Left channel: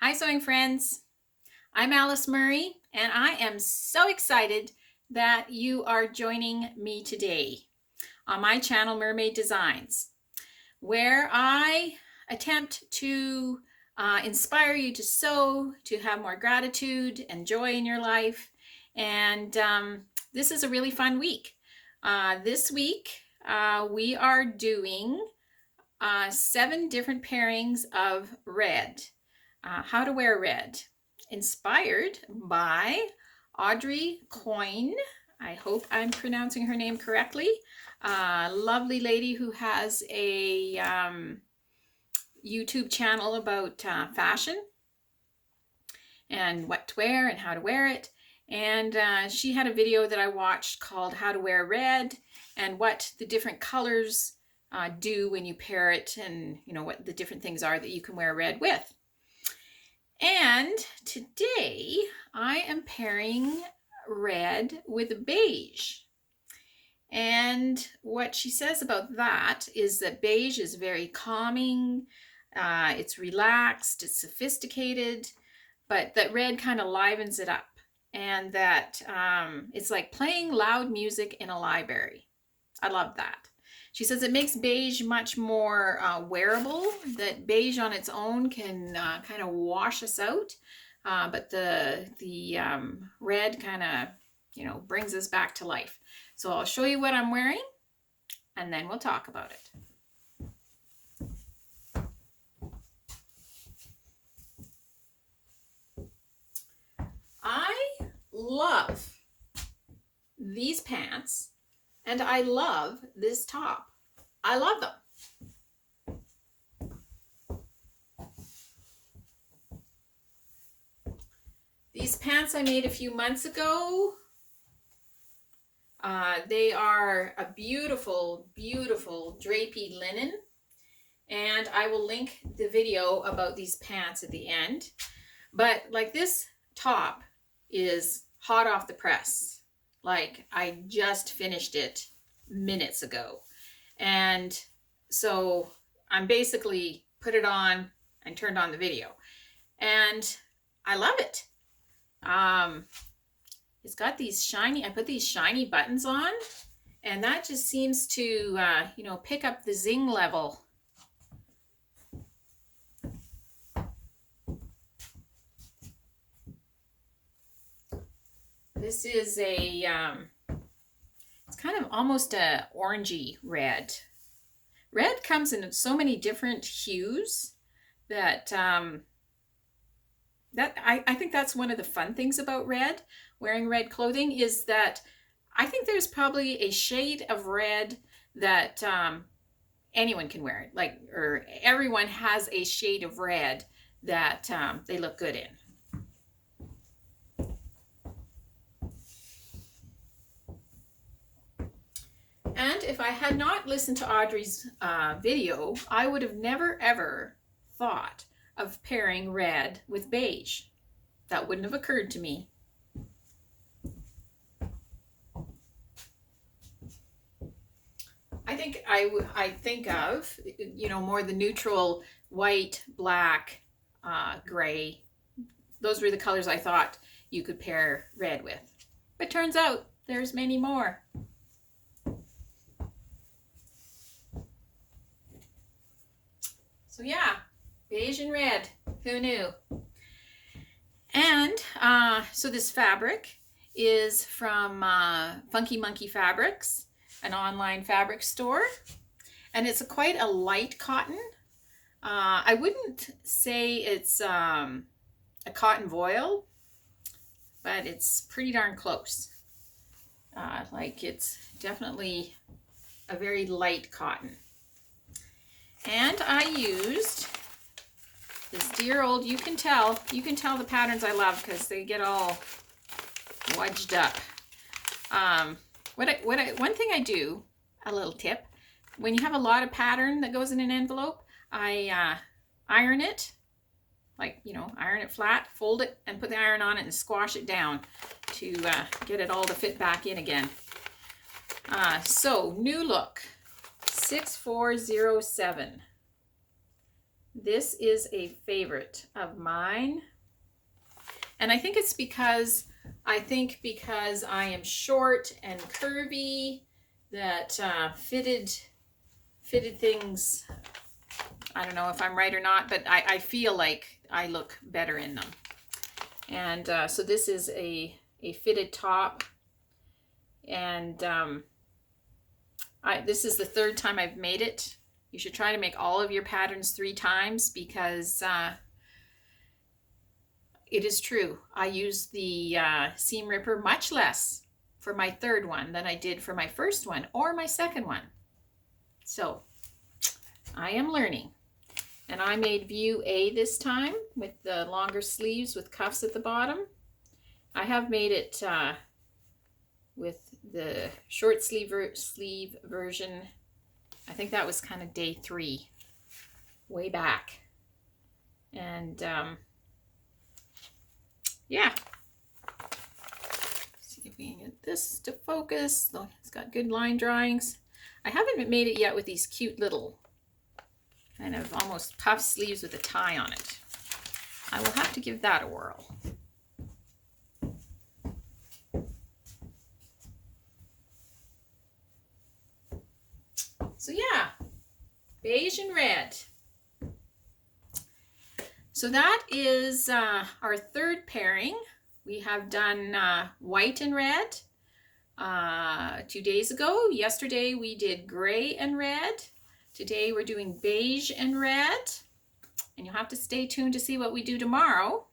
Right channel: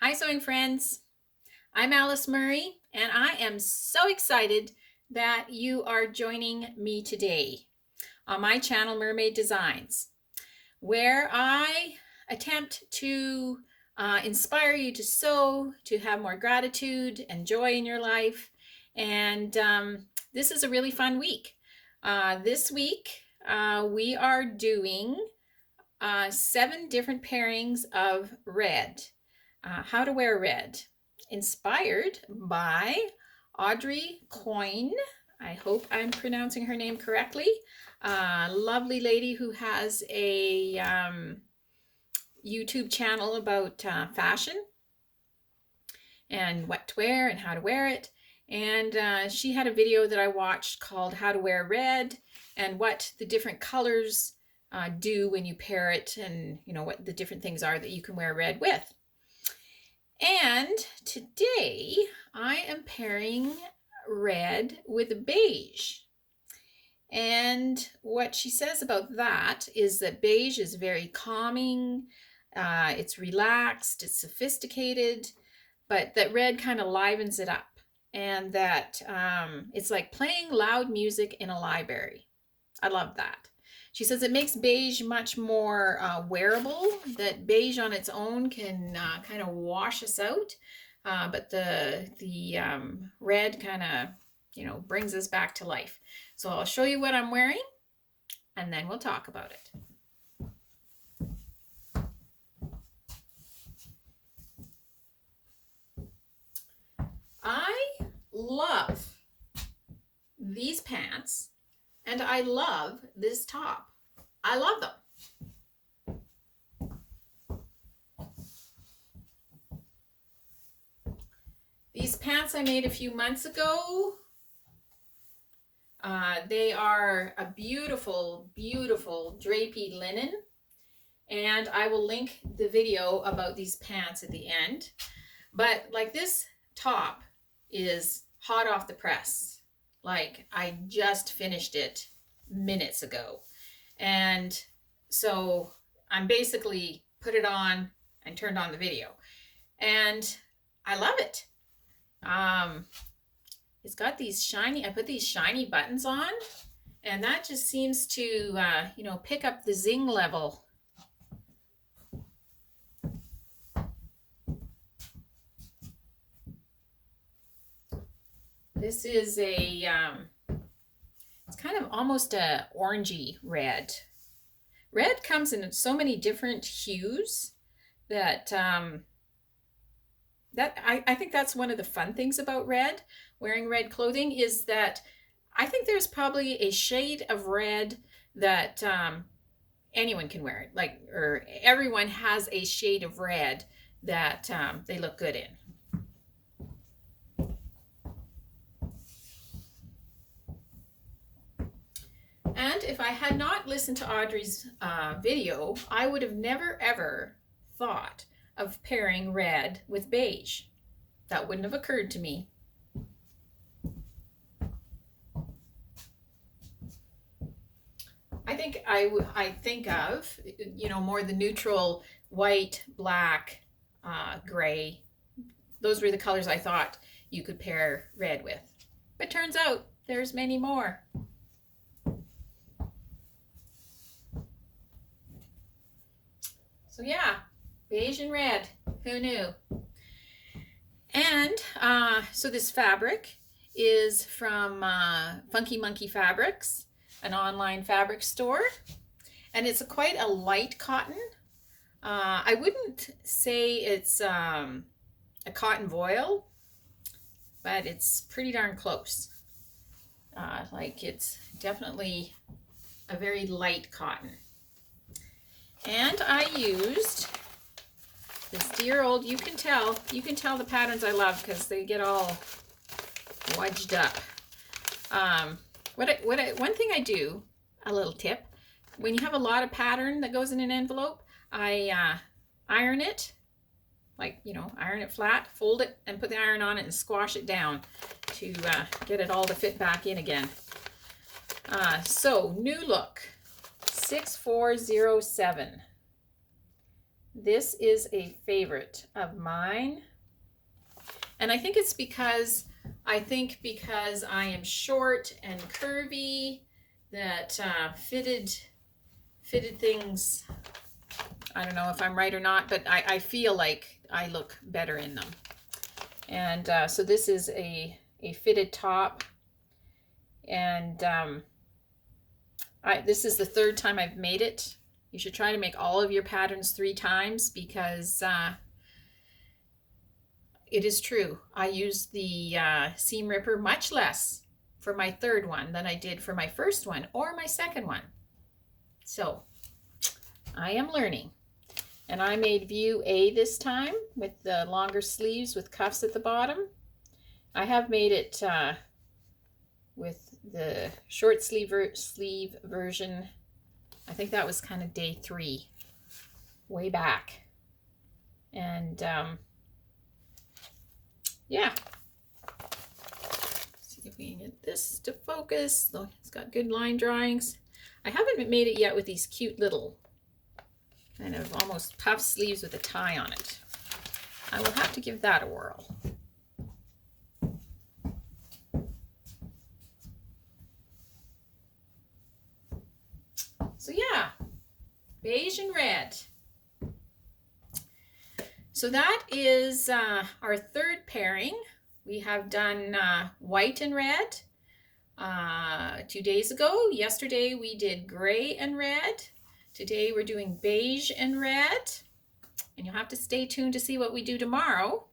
Hi sewing friends, I'm Alice Murray and I am so excited that you are joining me today on my channel Murr-made Designs, where I attempt to inspire you to sew, to have more gratitude and joy in your life. And this is a really fun week. This week we are doing 7 different pairings of red. How to wear red, inspired by Audrey Coyne. I hope I'm pronouncing her name correctly. Lovely lady who has a YouTube channel about fashion and what to wear and how to wear it. And she had a video that I watched called How to Wear Red and what the different colors do when you pair it, and you know what the different things are that you can wear red with. And today I am pairing red with beige. And what she says about that is that beige is very calming, it's relaxed, it's sophisticated, but that red kind of livens it up. And that it's like playing loud music in a library. I love that. She says it makes beige much more wearable, that beige on its own can kind of wash us out, but the red kind of, brings us back to life. So I'll show you what I'm wearing, and then we'll talk about it. I love these pants, and I love this top. I love them. These pants I made a few months ago. They are a beautiful, beautiful drapey linen. And I will link the video about these pants at the end. But like, this top is hot off the press. Like, I just finished it minutes ago. And so I'm basically put it on and turned on the video. And I love it. It's got these shiny, I put these shiny buttons on, and that just seems to, pick up the zing level. This is a, it's kind of almost a orangey red. Red comes in so many different hues that, I think that's one of the fun things about red, wearing red clothing, is that I think there's probably a shade of red that anyone can wear, or everyone has a shade of red that they look good in. And if I had not listened to Audrey's video, I would have never ever thought of pairing red with beige. That wouldn't have occurred to me. I think I think of, more the neutral white, black, gray. Those were the colors I thought you could pair red with. But turns out there's many more. So yeah, beige and red, who knew? And so this fabric is from Funky Monkey Fabrics, an online fabric store, and it's quite a light cotton. I wouldn't say it's a cotton voile, but it's pretty darn close. It's definitely a very light cotton. And I used this dear old, you can tell the patterns I love because they get all wedged up. One thing I do, a little tip, when you have a lot of pattern that goes in an envelope, I iron it, iron it flat, fold it, and put the iron on it and squash it down to get it all to fit back in again. So NewLook 6407. This is a favorite of mine. And I think it's because I am short and curvy that fitted things, I don't know if I'm right or not, but I feel like I look better in them. And so this is a fitted top. And this is the third time I've made it. You should try to make all of your patterns 3 times because it is true. I used the seam ripper much less for my third one than I did for my first one or my second one. So I am learning. And I made view A this time with the longer sleeves with cuffs at the bottom. I have made it with the short sleeve version. I think that was kind of day 3, way back. And yeah. See if we can get this to focus. Oh, it's got good line drawings. I haven't made it yet with these cute little kind of almost puff sleeves with a tie on it. I will have to give that a whirl. So yeah, beige and red. So that is our third pairing. We have done white and red 2 days ago. Yesterday we did gray and red. Today we're doing beige and red. And you'll have to stay tuned to see what we do tomorrow.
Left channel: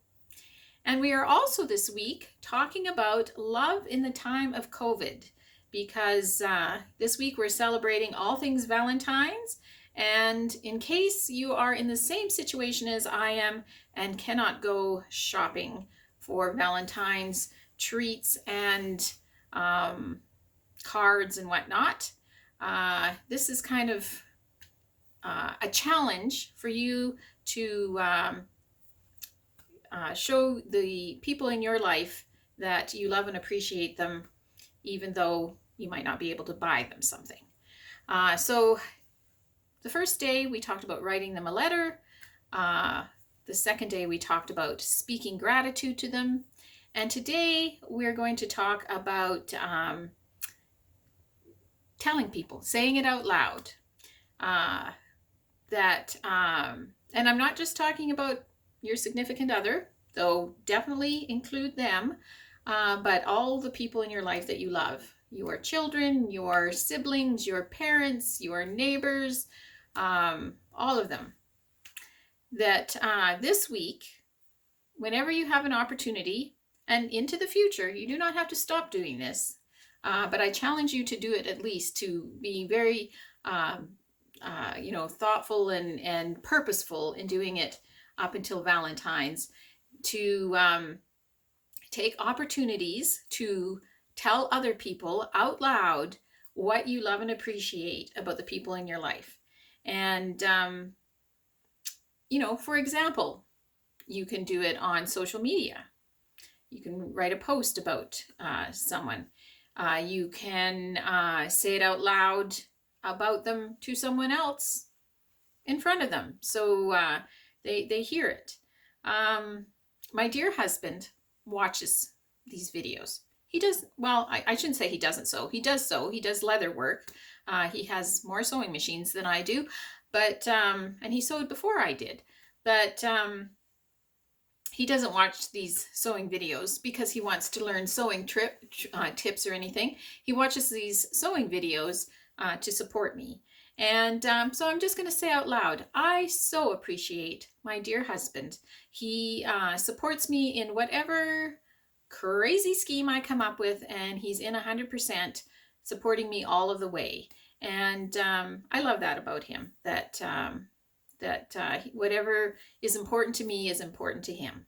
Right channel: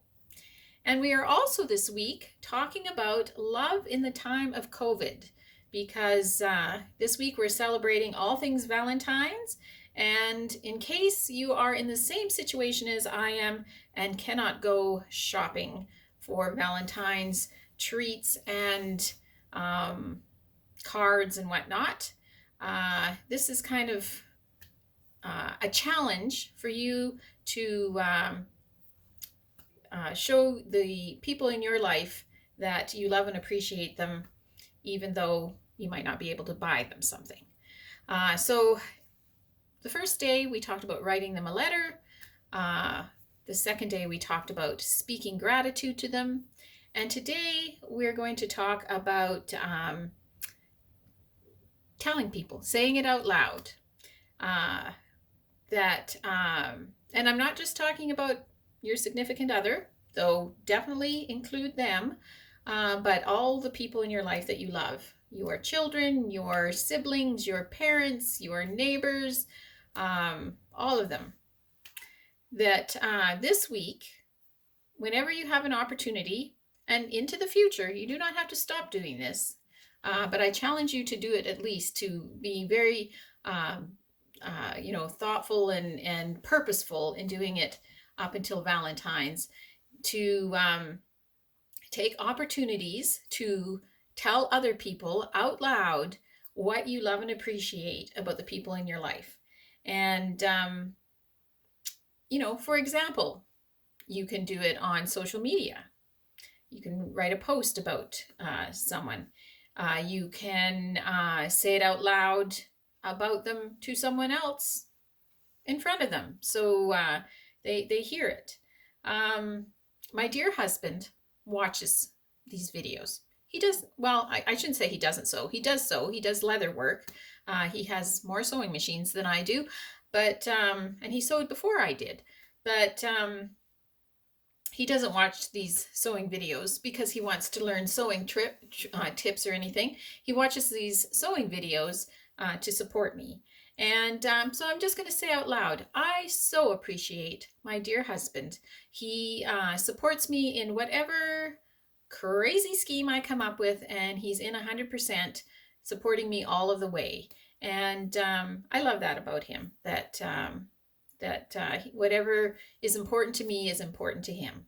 And we are also this week talking about love in the time of COVID, because this week we're celebrating all things Valentine's. And in case you are in the same situation as I am and cannot go shopping for Valentine's treats and cards and whatnot, this is kind of a challenge for you to show the people in your life that you love and appreciate them, even though you might not be able to buy them something. So the first day we talked about writing them a letter. The second day we talked about speaking gratitude to them. And today we're going to talk about telling people, saying it out loud. And I'm not just talking about your significant other, though definitely include them, but all the people in your life that you love. Your children, your siblings, your parents, your neighbors, all of them. That this week, whenever you have an opportunity, and into the future, you do not have to stop doing this, but I challenge you to do it at least, to be very thoughtful and purposeful in doing it up until Valentine's, to take opportunities to tell other people out loud what you love and appreciate about the people in your life. And, for example, you can do it on social media. You can write a post about someone. You can say it out loud about them to someone else in front of them, so they hear it. My dear husband watches these videos. He does, well, I shouldn't say he doesn't sew. He does sew. He does leather work. He has more sewing machines than I do, but and he sewed before I did. But he doesn't watch these sewing videos because he wants to learn sewing tips or anything. He watches these sewing videos to support me. And so I'm just going to say out loud, I so appreciate my dear husband. He supports me in whatever crazy scheme I come up with, and he's in 100% supporting me all of the way. And I love that about him, that whatever is important to me is important to him.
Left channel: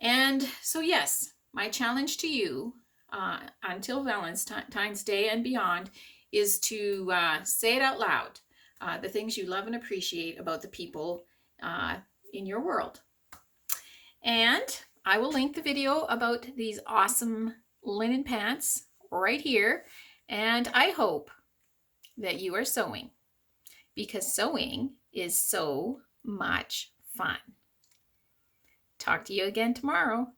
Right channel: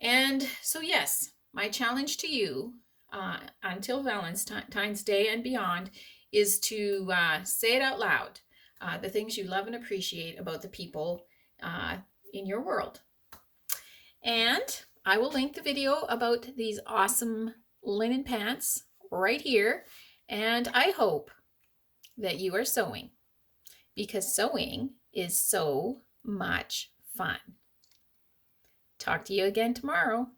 And so yes, my challenge to you until Valentine's Day and beyond is to say it out loud, the things you love and appreciate about the people in your world. And I will link the video about these awesome linen pants right here. And I hope that you are sewing, because sewing is so much fun. Talk to you again tomorrow.